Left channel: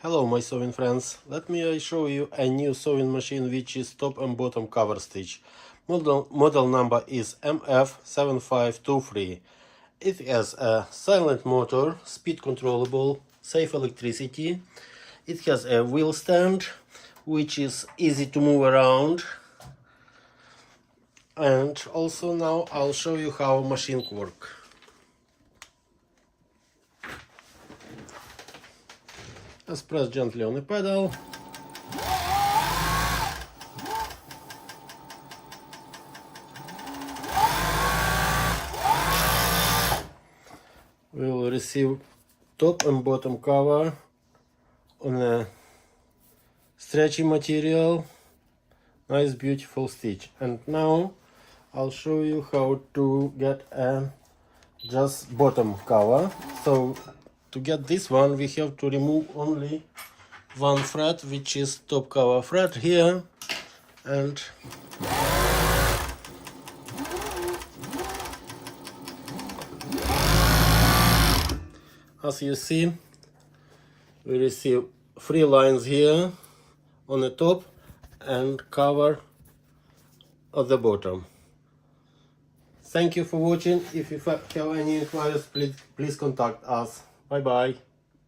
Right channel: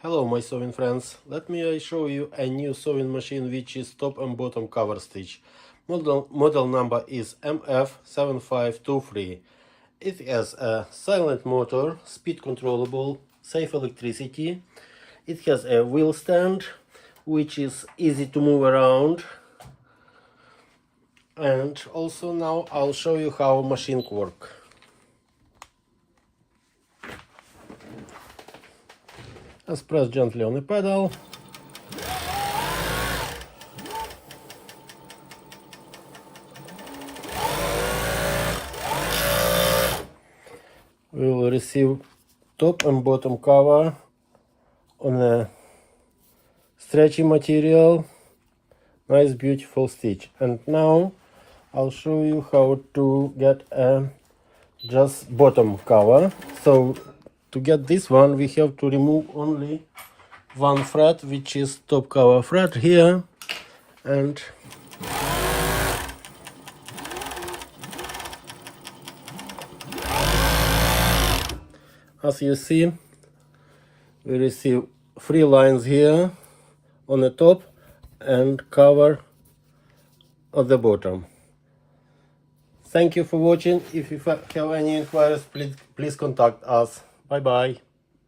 Hello my sewing friends, let me show you a new sewing machine which is top and bottom cover stitch. Model number is MF7523. It has a silent motor, speed controllable, safe electricity. It has a wheel stand which is easy to move around. And also now I'll show you how machine works. Let's press gently on the pedal. We will receive top and bottom cover on a stretchy material. Nice beautiful stitch. And now I'll show you how to get a just bottom cover. So to get this one we have to remove only one thread, which is top cover thread here, and as you see we receive 3 lines here on the top and cover at the bottom. Thank you for watching. If you have any inquiries, please contact us. Bye bye.